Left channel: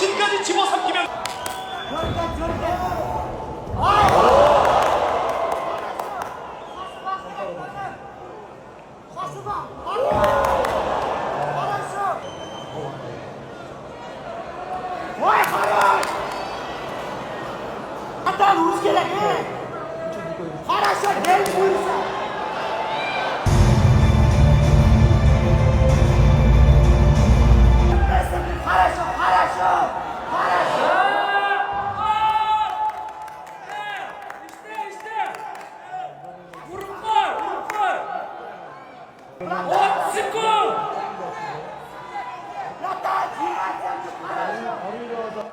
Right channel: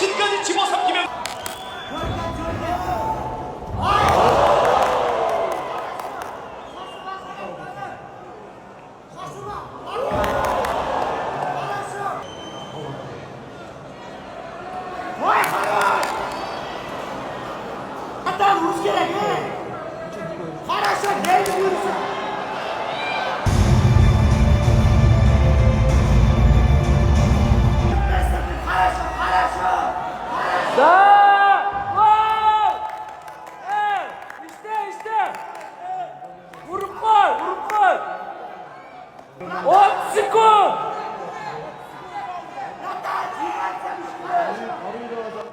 정신까지 집어삼키면 Hatta Rus gerek. Хорошо, geldi buyursa. Хорошо, хорошо. 자, 골! işte. 무릎골. 옵스골. Hatta cihat yapmış. Хорошо.